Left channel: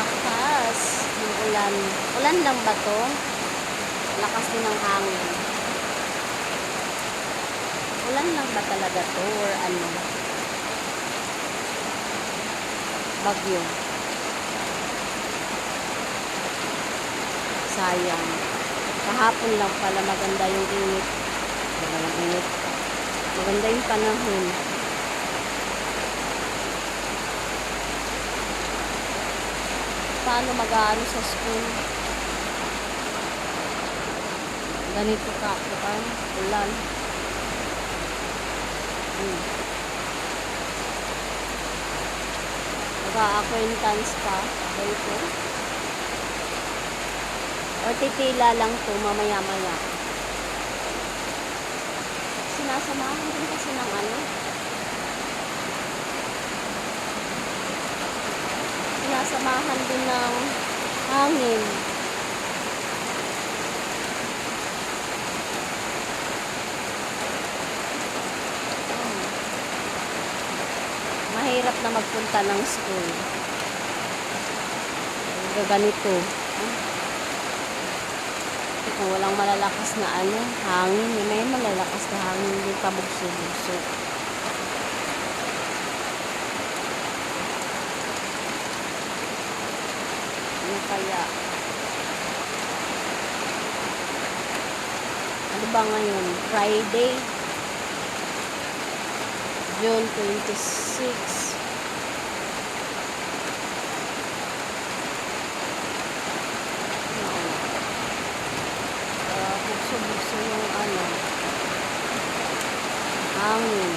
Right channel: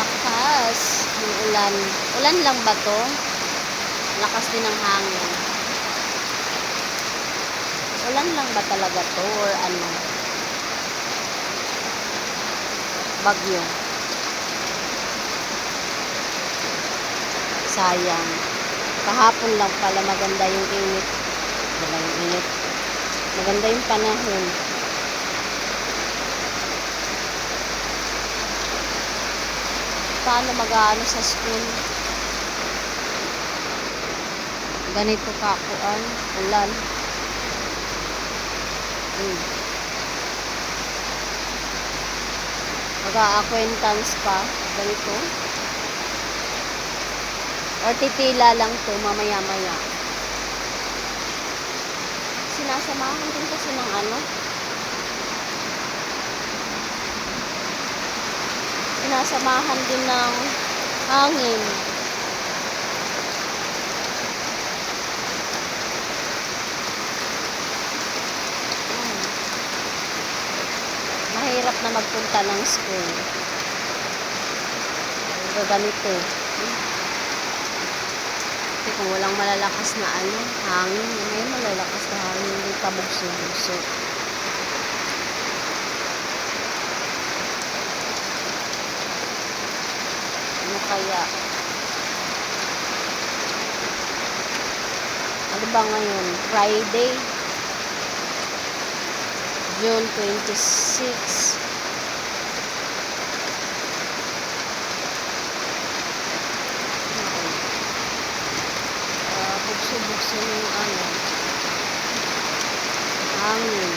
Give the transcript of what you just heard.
Lakas ng ulan. Ulan lang ba to? Lakas din ng hangin. Ulan lang ba talaga to or ano? Bagyo. Sayang. Kahapon lang pala maganda yung init. Dalawang init. Maganda yung panahon. Paano mag-aano sa school? Ganito kakuan, ulan. Mag-a-acquaintance pa. Ganito. Or titila lang to mamaya-maya. Sinasamahan din kasi ng ano. Sinasamahan din ng hangin. Mahirap na magpunta ng school. Ganito. Kasi kung walang malalakas na ano, hangin, may malalakas na hangin, hindi pa bugso-bugso. Ano kaya? Ano ba ngayon? Friday, June 26. Bugso-bugso yung ano, hangin.